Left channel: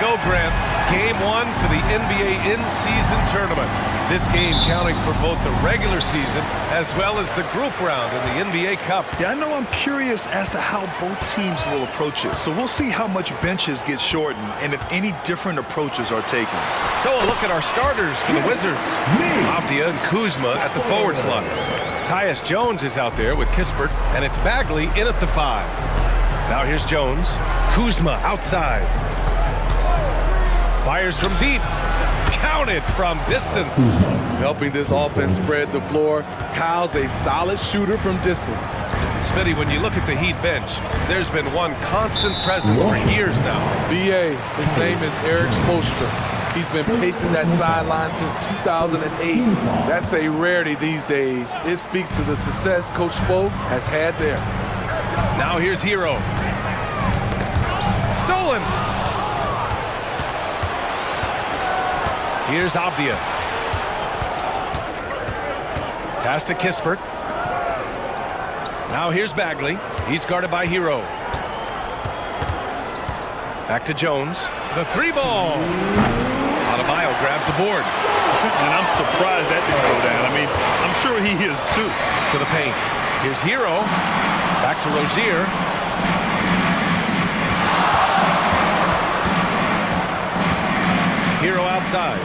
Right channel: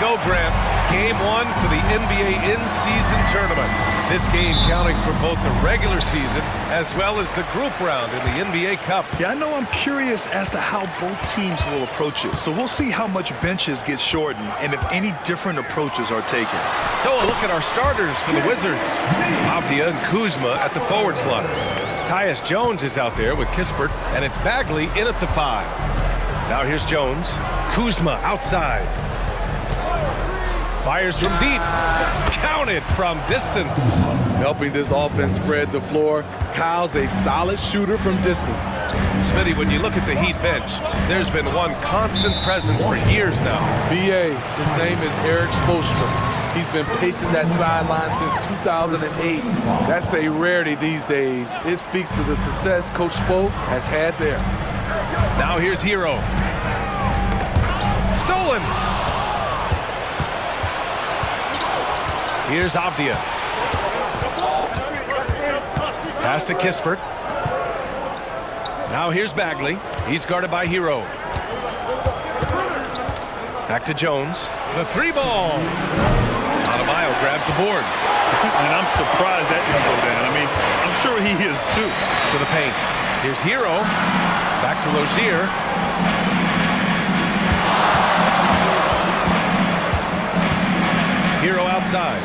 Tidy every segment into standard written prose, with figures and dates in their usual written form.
go, Grant. Game 1 for the NBA in-season tournament. This game counting for both the regular season as well as the group round in the NBA Cup. Yeah, I know I'm curious as to how both teams will approach it. So we'll see how much benches get shortened and if any different approaches are taken. So a look at our starters for the Wizards. Avdia and Kuzma at the forward slots. Tyus Jones is out there with Kispert, and it's Bagley in at the 5. Now here's Jones. Kuzma outside. Fires from deep. Counted from distance. Helping this offense spread the floor. Kyle's a solid shooter from distance. Smitty, when you look at the Heat bench, there's been one constant presence for years now. B.A., his name is Eric Spoelstra. He's been pacing that sideline since 2008. That's a rarity these days. It speaks to the success Coach Spo has had there. Now here's Hero. Stolen. Here's Avdia. Pass to Kispert. Now here's Bagley. He's guarded by Hero. Back to Jones. The 3-ball. Adebayo grabs the board. And I'm surprised that didn't go down. I mean, I'm sure he is too. To the paint. Here's Hero. Back to Rozier. Hero outside.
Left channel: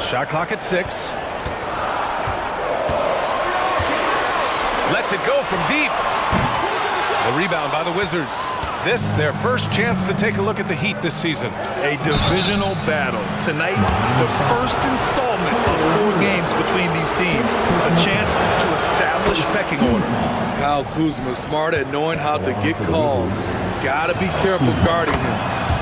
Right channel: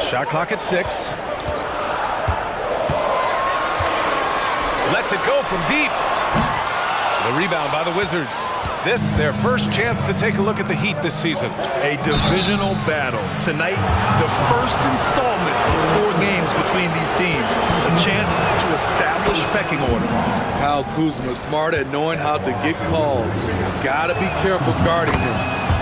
Shot clock at 6. Lets it go from deep. The rebound by the Wizards. This, their first chance to take a look at the Heat this season. A divisional battle. Tonight, the first installment of 4 games between these teams. A chance to establish pecking order. Kyle Kuzma smart at knowing how to get calls. Gotta be careful guarding him.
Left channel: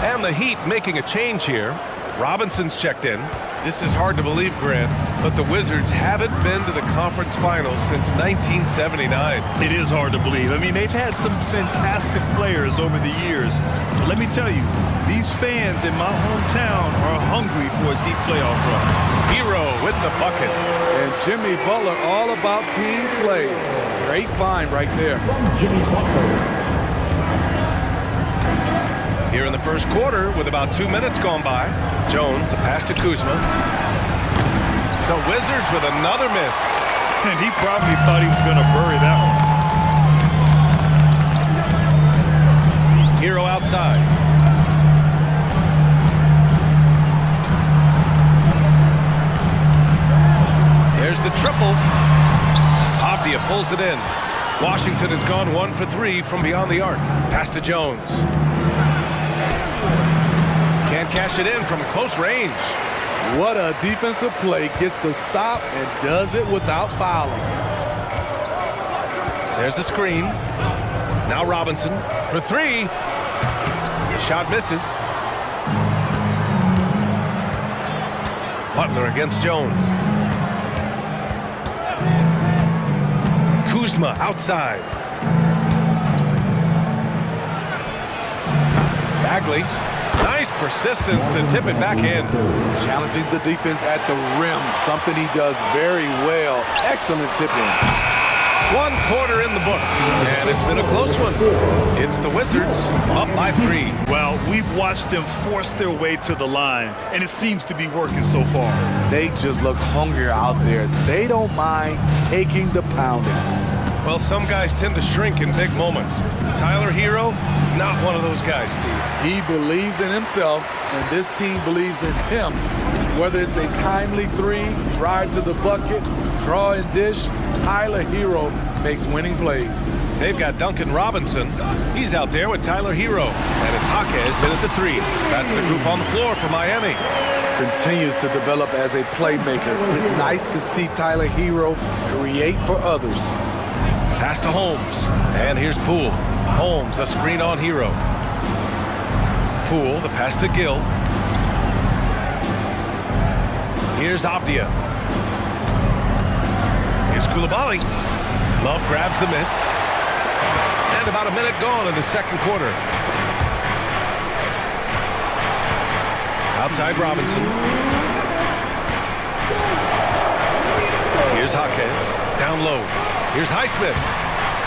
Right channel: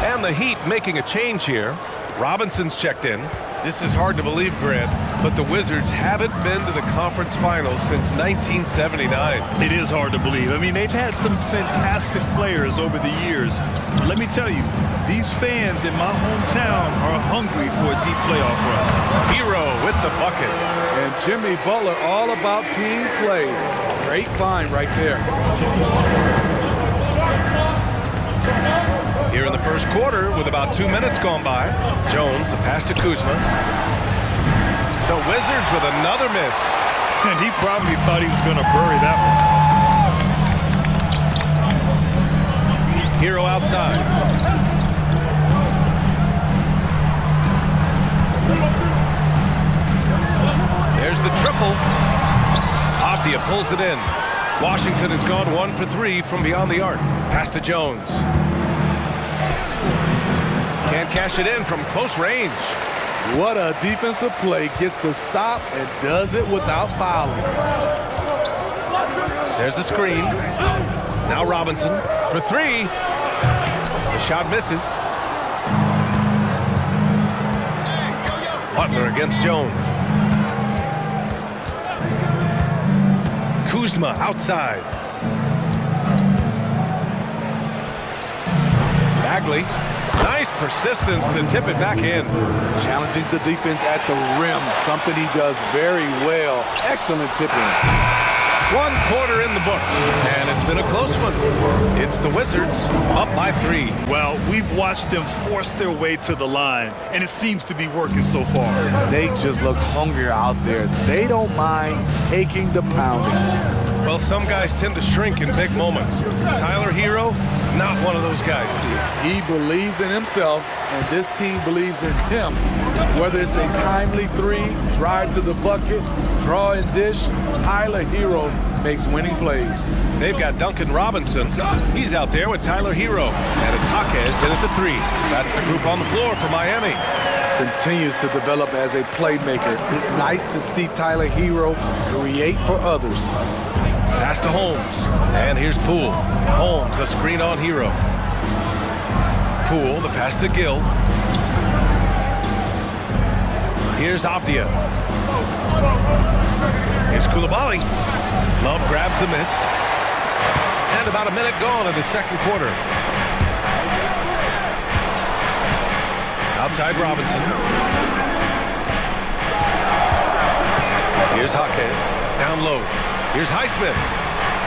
And the Heat making a change here. Robinson's checked in. This is hard to believe, Grant, but the Wizards haven't been to the conference finals since 1979. It is hard to believe. I mean, they've had some fantastic players over the years. But let me tell you, these fans in my hometown are hungry for a deep playoff run. Hero with the bucket. And Jimmy Butler all about team play. Great find right there. Here in the first quarter with about 2 minutes gone by. Jones, the pass to Kuzma. The Wizards with another miss. And he probably thought he was going to bury that one. Hero outside. There's the triple. Avdia pulls it in. Washington has gone 1 for 3 from beyond the arc. Pass to Jones. Can't cash it in from close range. What a defensive play. Gets the stop and does it without fouling. There's a screen. Now Robinson for 3. The shot misses. Butler against Jones. Kuzma outside. Bagley. Nice persistence to tip it back in. Challenging the defense at the rim, something he does very well. Excellent tipping. 1 quarter in the books, and it's been a close one. It's the Wizards up by 3. Well, we've watched them force their way to the line, and it seems to be working so far. They just look hungrier out there. They don't mind taking the pounding. Well, some guys tend to shrink in big moments. Tyler Hero, not one of those guys, Steve. He believes in himself, and this team believes in him. Whether it's a timely 3, drive to the bucket, draw and dish, Tyler Hero makes winning plays. They've got Duncan Robinson. He's out there with Tyler Hero. And it's Jaquez in at the 3. That's the group on the floor for Miami. Continues to develop as a playmaker. It's nice to see Tyler Hero create for others. Pass to Holmes. And here's Poole. Holmes, a screen on Hero. Poole, the pass to Gill. Here's Avdia. Here's Coulibaly. Love grabs the miss. And about a minute gone in the second quarter. Outside Robinson. Here's Jaquez. Down low. Here's Highsmith.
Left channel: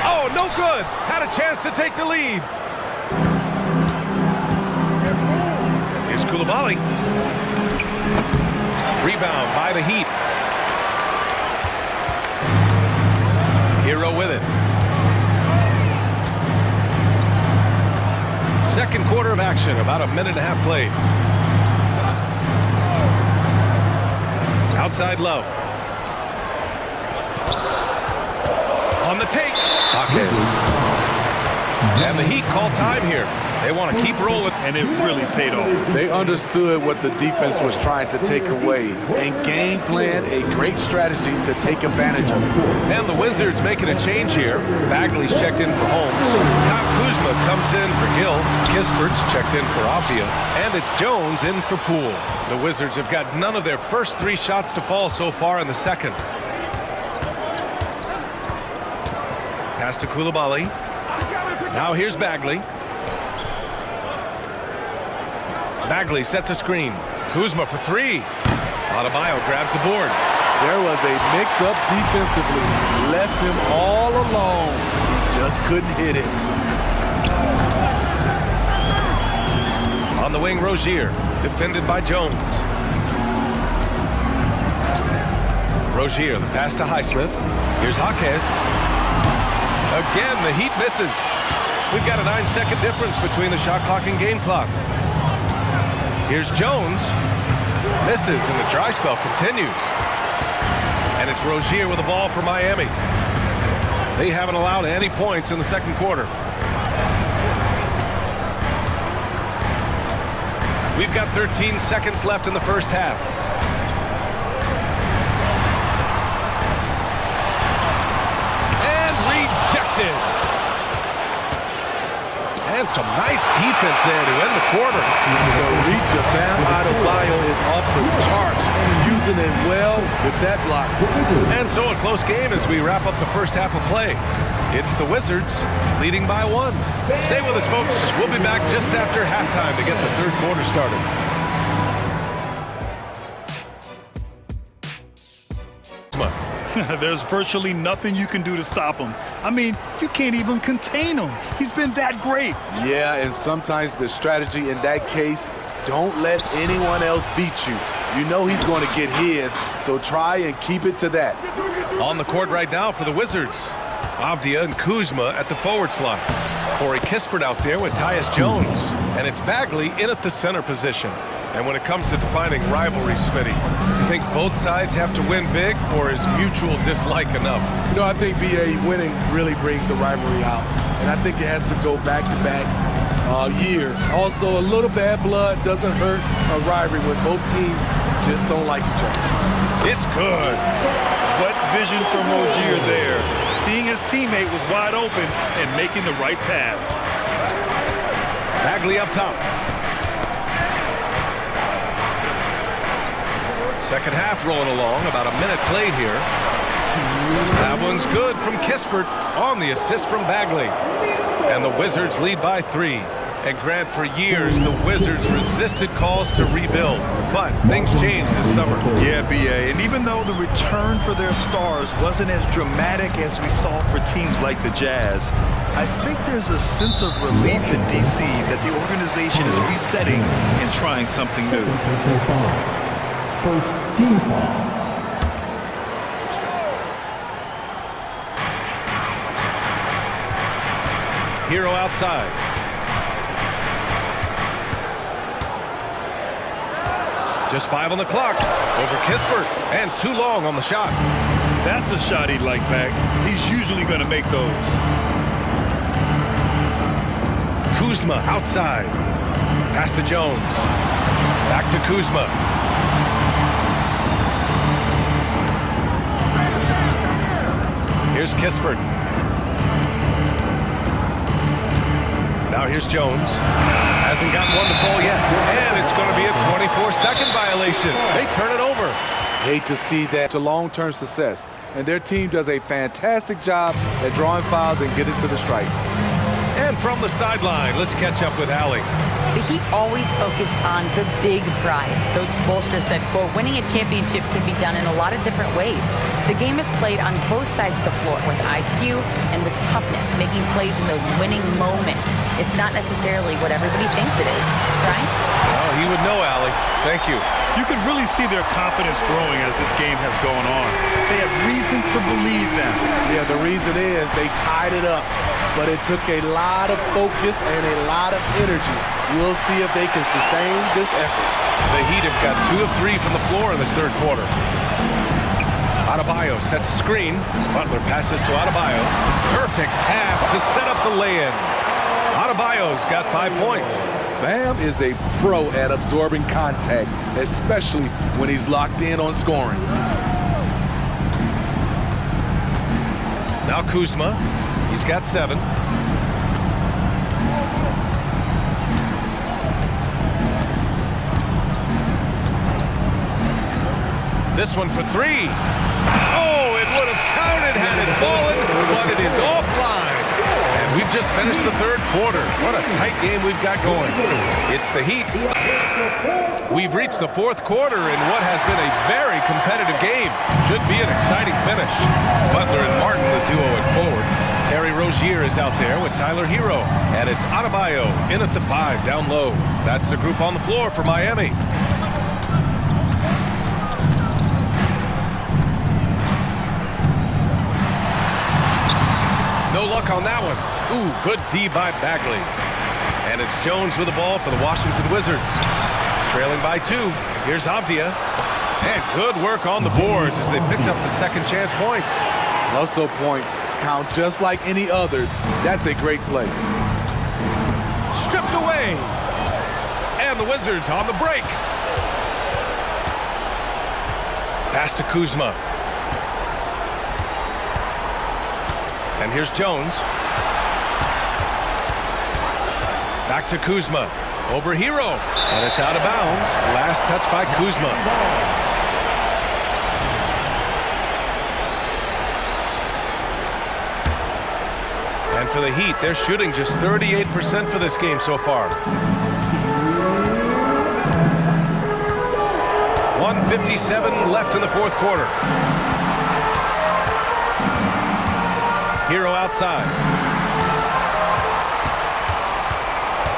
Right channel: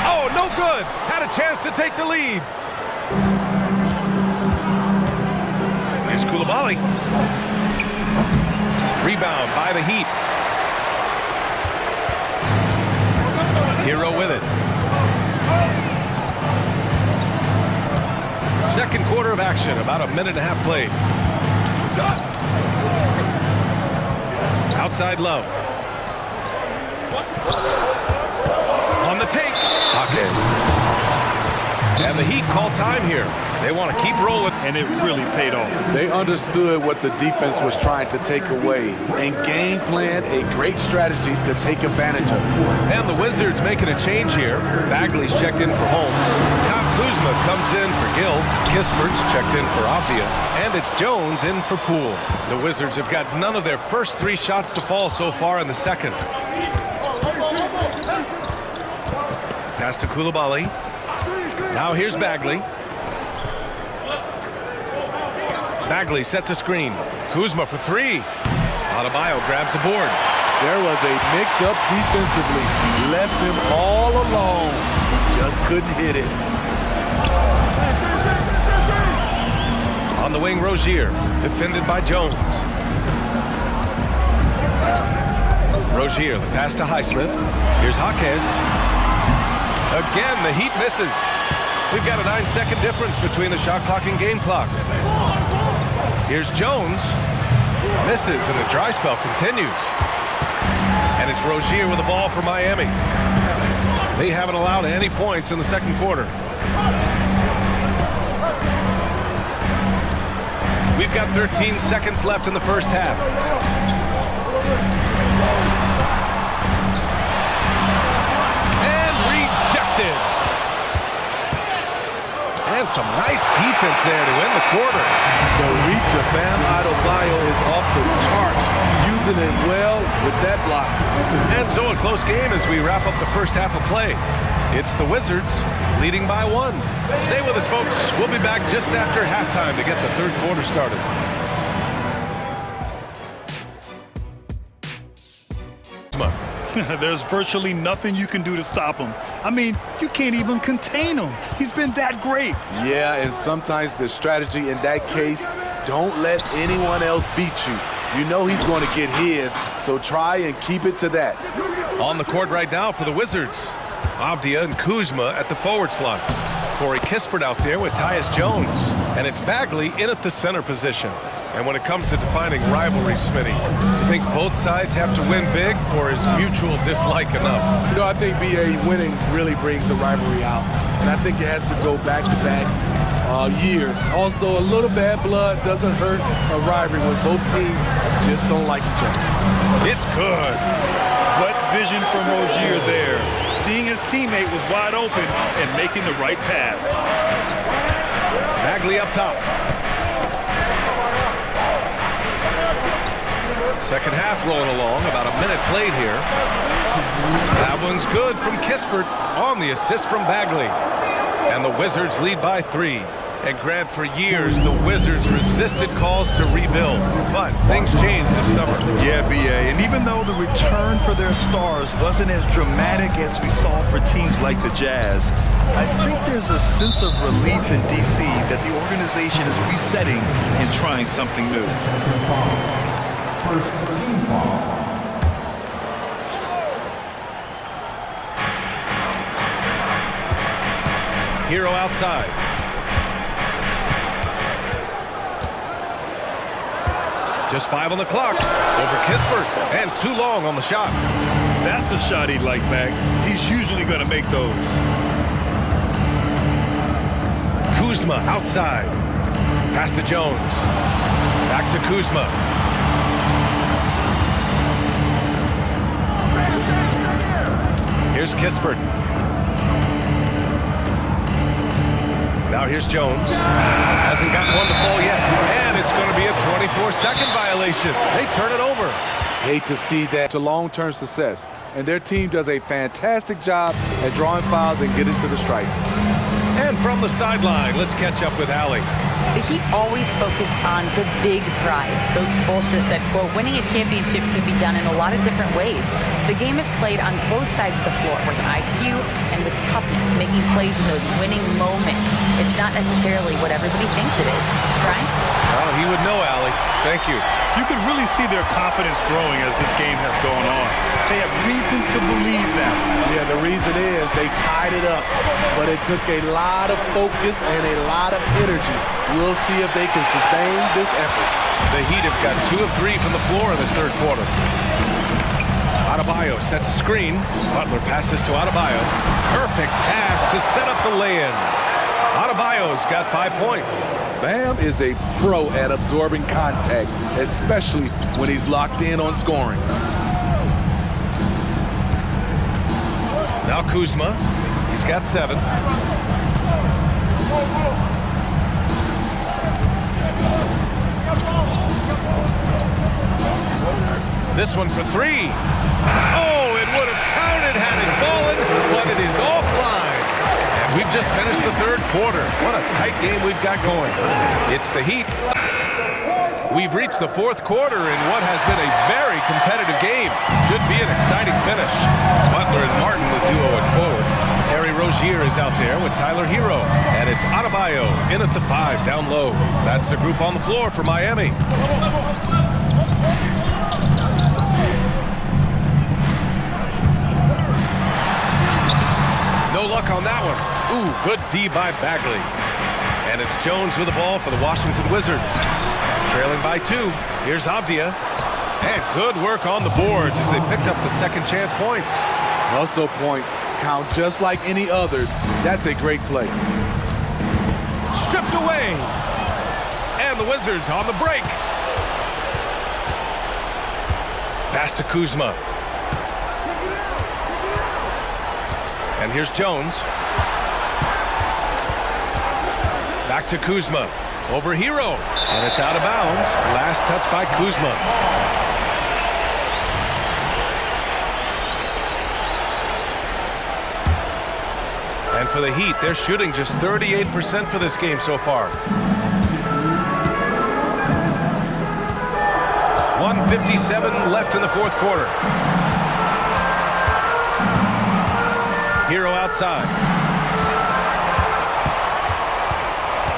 Oh, no good. Had a chance to take the lead. Here's Koulibaly. Rebound by the Heat. Hero with it. Second quarter of action, about a minute and a half played. Outside Love. On the take. Hawkins. And the Heat call time here. They want to keep rolling. And it really paid off. They understood what the defense was trying to take away and game planned a great strategy to take advantage of it. And the Wizards making a change here. Bagley's checked in for Holmes. Kyle Kuzma comes in for Gill. Kispert's checked in for Avdia. And it's Jones in for Poole. The Wizards have got none of their first 3 shots to fall so far in the second. Pass to Koulibaly. Now here's Bagley. Bagley sets a screen. Kuzma for 3. Adebayo grabs the board. There was a mix-up defensively. Left him all alone. He just couldn't hit it. On the wing, Rozier. Defended by Jones. Rozier, the pass to Highsmith. Here's Jaquez. Again, the Heat misses. We've got a 9-second difference between the shot clock and game clock. Here's Jones. Misses, and the dry spell continues. And it's Rozier with the ball for Miami. They haven't allowed any points in the second quarter. We've got 13 seconds left in the first half. And rejected. And some nice defense there to end the quarter. The reach of Bam Adebayo is off the charts, using it well with that block. And so a close game as we wrap up the first half of play. It's the Wizards leading by 1. Stay with us, folks. We'll be back just after halftime to get the third quarter started. There's virtually nothing you can do to stop him. I mean, you can't even contain him. He's been that great. Yeah, and sometimes the strategy in that case, don't let anyone else beat you. You know he's going to get his, so try and keep it to that. On the court right now for the Wizards, Avdia and Kuzma at the forward slots. Corey Kispert out there with Tyus Jones. And it's Bagley in at the center position. And when it comes to defining rivalry, Smitty, you think both sides have to win big, or is mutual dislike enough? You know, I think BA winning really brings the rivalry out. And I think it has to go back-to-back years. Also, a little bad blood doesn't hurt a rivalry when both teams just don't like each other. It's good. What vision from Rozier there. Seeing his teammate was wide open and making the right pass. Bagley up top. Second half rolling along, about a minute played here. That one's good from Kispert on the assist from Bagley. And the Wizards lead by 3. And Grant, for years, the Wizards resisted calls to rebuild. But things changed this summer. Yeah, BA. And even though the return for their stars wasn't as dramatic as we saw for teams like the Jazz, I think there's a sense of relief in D.C. that the organization is resetting and trying something new. First team foul. Hero outside. Just 5 on the clock. Over Kispert. And too long on the shot. That's a shot he'd like back. He's usually going to make those. Kuzma outside. Pass to Jones. Back to Kuzma. Here's Kispert. Now here's Jones. Hasn't gotten one to fall yet. And it's going to be a 24-second violation. They turn it over. Hate to see that to long-term success. And their team does a fantastic job at drawing fouls and getting to the stripe. And from the sideline, let's catch up with Allie. The Heat always focus on the big prize. Coach Spoelstra said, quote, winning a championship can be done in a lot of different ways. The game is played on both sides of the floor with IQ and with toughness, making plays in those winning moments. It's not necessarily what everybody thinks it is. Brian? Oh, he would know, Allie. Thank you. You can really see their confidence growing as this game has gone on. They have reason to believe that. Yeah, the reason is they tied it up, but it took a lot of focus and a lot of energy. We'll see if they can sustain this effort. The Heat have got 2 of 3 from the floor in this third quarter. Adebayo sets a screen. Butler passes to Adebayo. Perfect pass to set up the lay-in. Adebayo's got 5 points. Bam is a pro at absorbing contact, especially when he's locked in on scoring. Now Kuzma. He's got 7. This one for 3. Oh, it would have counted had it fallen, but it is offline. And we've just finished the third quarter. What a tight game we've got going. It's the Heat. We've reached the fourth quarter in what has been a very competitive game. Should be an exciting finish. Butler and Martin, the duo at forward. Terry Rozier is out there with Tyler Hero. And it's Adebayo in at the 5 down low. That's the group on the floor for Miami. No luck on that one. Ooh, good D by Bagley. And it's Jones with the ball for the Washington Wizards. Trailing by 2. Here's Avdia. And good work on the boards as they picked up the second chance points. Hustle points count just like any others. That's a great play. Stripped away. And the Wizards on the break. Pass to Kuzma. And here's Jones. Back to Kuzma. Over Hero. And it's out of bounds. Last touch by Kuzma. And for the Heat, they're shooting just 38% for this game so far. 1:57 left in the fourth quarter. Hero outside.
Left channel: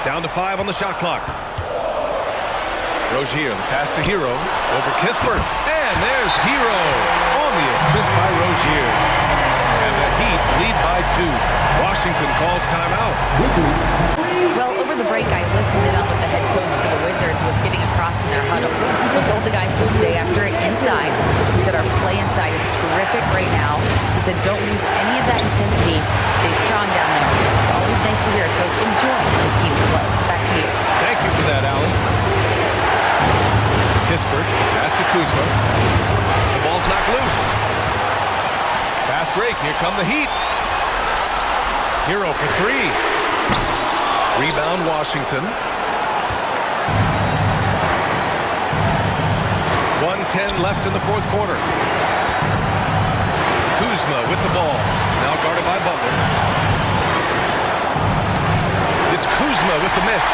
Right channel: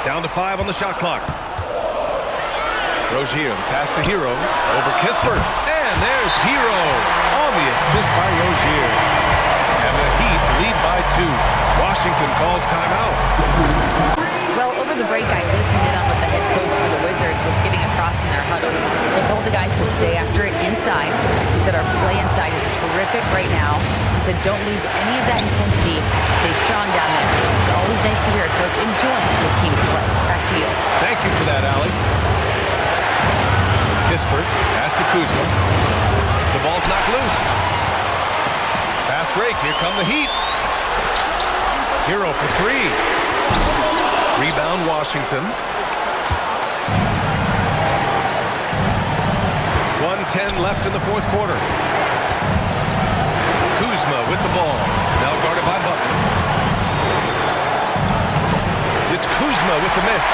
Down to 5 on the shot clock. Rozier, the pass to Hero. Over Kispert. And there's Hero on the assist by Rozier. And the Heat lead by 2. Washington calls timeout. Well, over the break, I listened in on what the head coach for the Wizards was getting across in their huddle. He told the guys to stay after it inside. He said our play inside is terrific right now. He said don't lose any of that intensity. Stay strong down there. It's always nice to hear a coach enjoying his team's play. Back to you. Thank you for that, Allie. Kispert, pass to Kuzma. The ball's knocked loose. Fast break. Here come the Heat. Hero for 3. Rebound Washington. 1:10 left in the fourth quarter. Kuzma with the ball. Now guarded by Butler. It's Kuzma with the miss.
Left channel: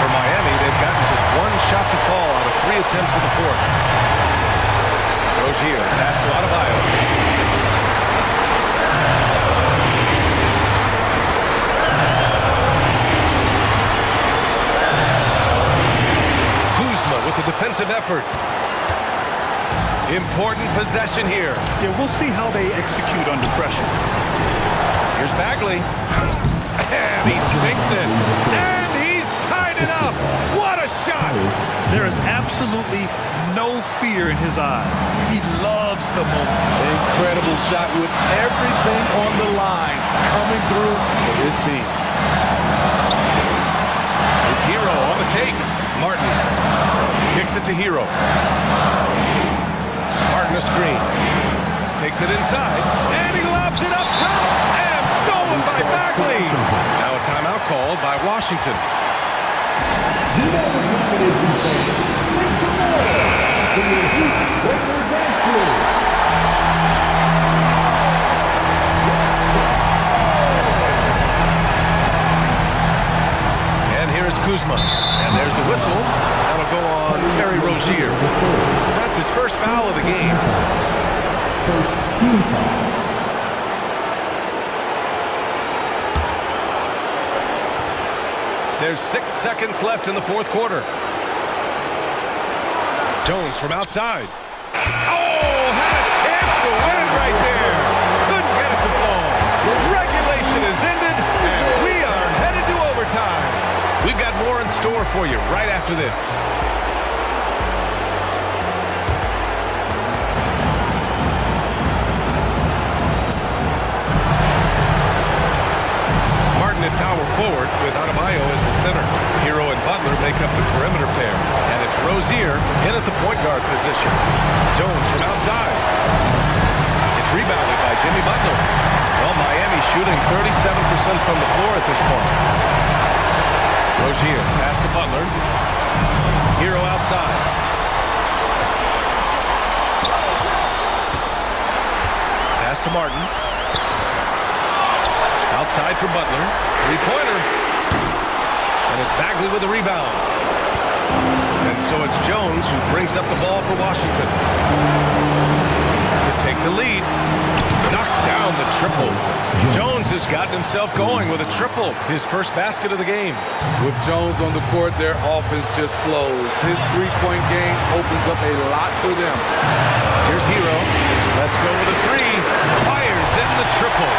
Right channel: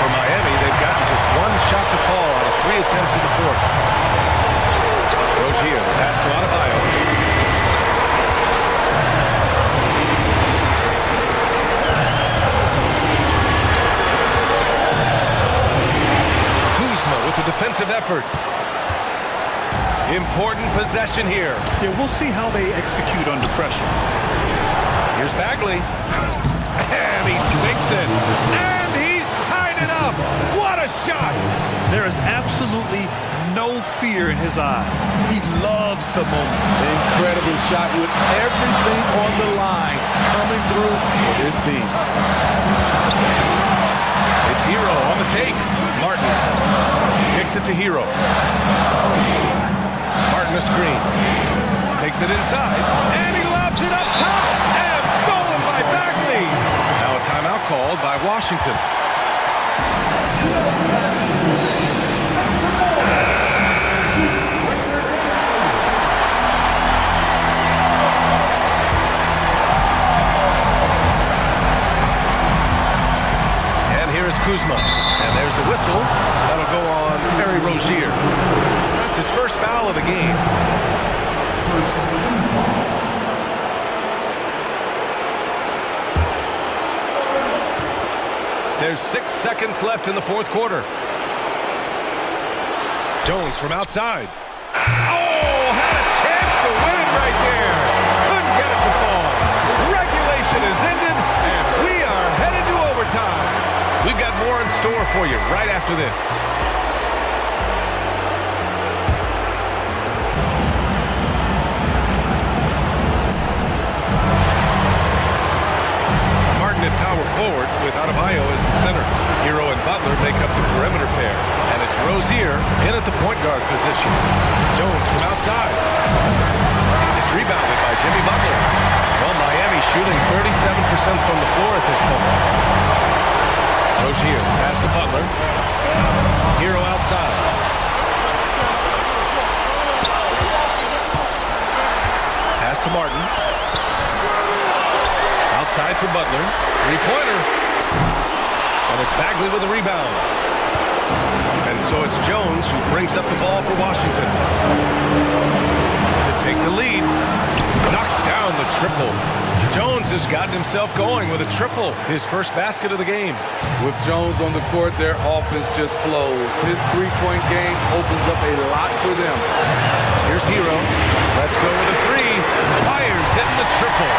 For Miami, they've gotten just 1 shot to fall out of 3 attempts in the fourth. Rozier, pass to Adebayo. With the defensive effort. Important possession here. Yeah, we'll see how they execute under pressure. Here's Bagley. And he sinks it. And he's tied it up. What a shot. There is absolutely no fear in his eyes. He loves the moment. Incredible shot with everything on the line coming through for his team. It's Hero on the take. Martin kicks it to Hero. Martin a screen. Takes it inside. And he lobs it up top. And stolen by Bagley. Now a timeout called by Washington. And here is Kuzma. And there's the whistle. That'll go on Terry Rozier. That's his first foul of the game. First team foul. There's 6 seconds left in the fourth quarter. Jones from outside. Oh, had a chance to win it right there. Couldn't get it to fall. Regulation is ended, and we are headed to overtime. We've got more in store for you right after this. Martin at power forward with Adebayo as the center. Hero and Butler make up the perimeter pair. And it's Rozier in at the point guard position. Jones from outside. It's rebounded by Jimmy Butler. Well, Miami shooting 37% from the floor at this point. Rozier, pass to Butler. Hero outside. Pass to Martin. Outside for Butler. Three-pointer. And it's Bagley with a rebound. And so it's Jones who brings up the ball for Washington. To take the lead. Knocks down the triple. Jones has gotten himself going with a triple. His first basket of the game. With Jones on the court, their offense just flows. His three-point game opens up a lot for them. Here's Hero. Let's go with a three. Fires in the triple.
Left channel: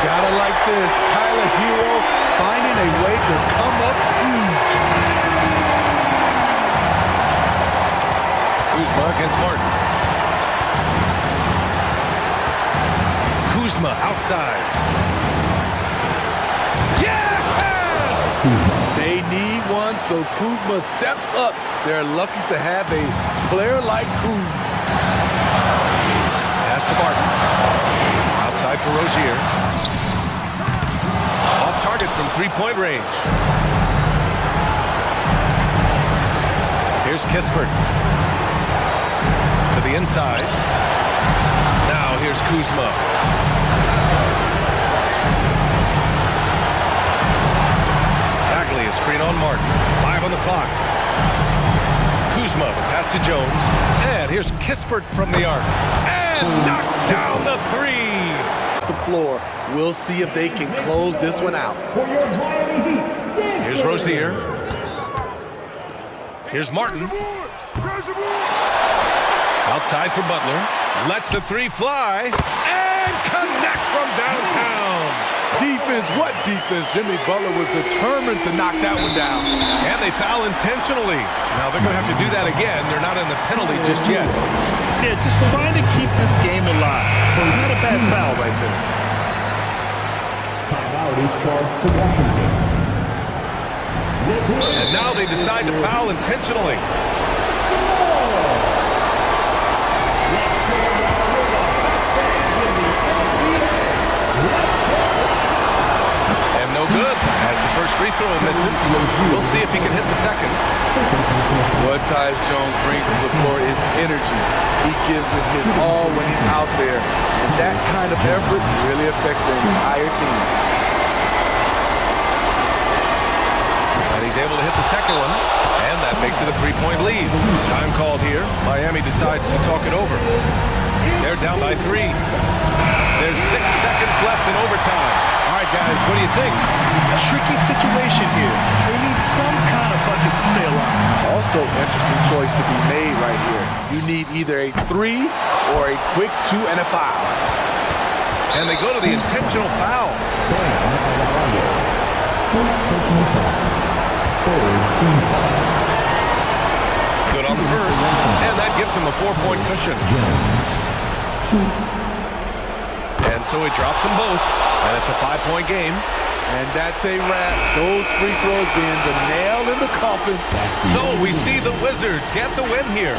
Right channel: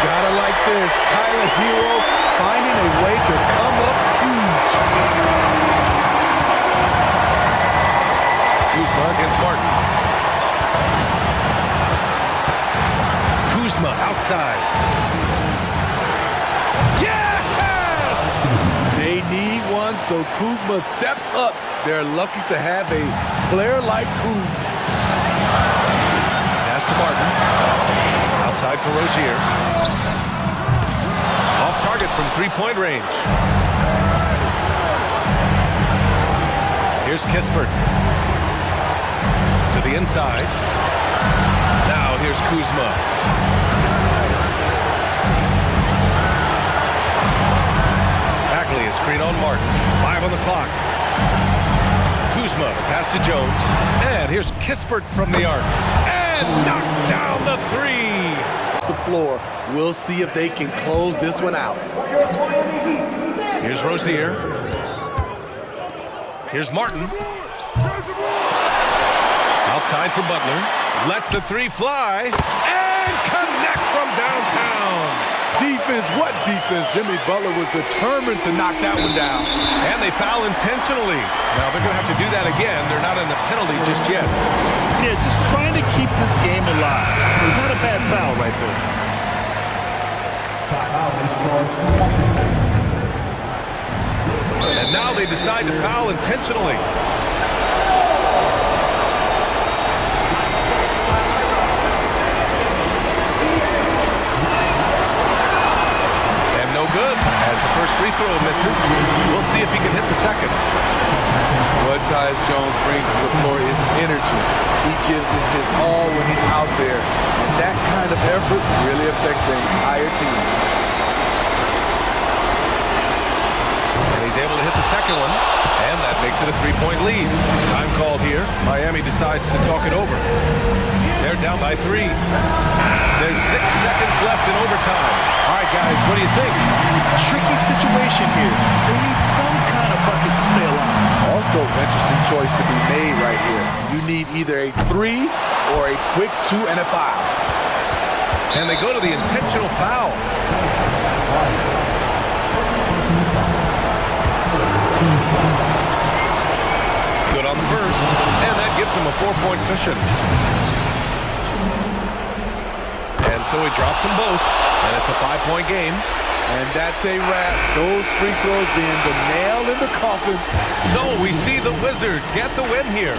Gotta like this. Tyler Hero finding a way to come up huge. Kuzma against Martin. Kuzma outside. Yes! They need one, so Kuzma steps up. They're lucky to have a player like Kuz. Pass to Martin. Outside for Rozier. Off target from three-point range. Here's Kispert. To the inside. Now here's Kuzma. Bagley, a screen on Martin. 5 on the clock. Kuzma, the pass to Jones. And here's Kispert from the arc. And knocks down the three. The floor. We'll see if they can close this one out. Here's Rozier. Here's Martin. Outside for Butler. Lets the three fly. And connects from downtown. Defense, what defense? Jimmy Butler was determined to knock that one down. And they foul intentionally. Now they're going to have to do that again. They're not in the penalty just yet. Yeah, just trying to keep this game alive. Not a bad foul right there. Timeout is charged to Washington. And now they decide to foul intentionally. And no good, as the first free throw misses. We'll see if he can hit the second. What Tyus Jones brings to the floor is energy. He gives it his all when he's out there. And that kind of effort really affects the entire team. And he's able to hit the second one. And that makes it a three-point lead. Time called here. Miami decides to talk it over. They're down by 3. There's 6 seconds left in overtime. All right, guys, what do you think? Tricky situation here. They need some kind of bucket to stay alive. Also, interesting choice to be made right here. You need either a 3 or a quick 2 and a foul. And they go to the intentional foul. Good on the first, and that gives him a 4-point cushion. And so he drops them both, and it's a 5-point game. And that's a wrap. Those free throws being the nail in the coffin. So we see the Wizards get the win here.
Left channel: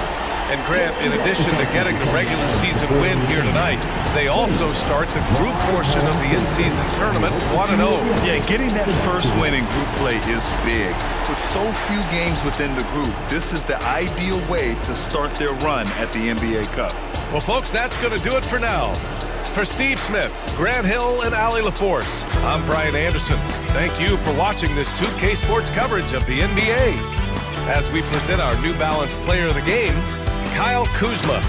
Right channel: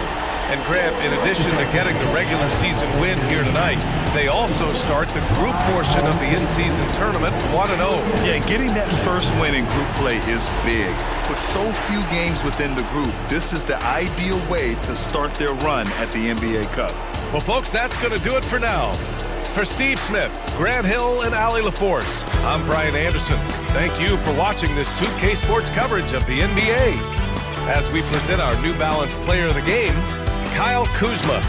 And Grant, in addition to getting the regular season win here tonight, they also start the group portion of the in-season tournament 1-0. Yeah, getting that first win in group play is big. With so few games within the group, this is the ideal way to start their run at the NBA Cup. Well, folks, that's going to do it for now. For Steve Smith, Grant Hill, and Allie LaForce, I'm Brian Anderson. Thank you for watching this 2K Sports coverage of the NBA. As we present our New Balance Player of the Game, Kyle Kuzma.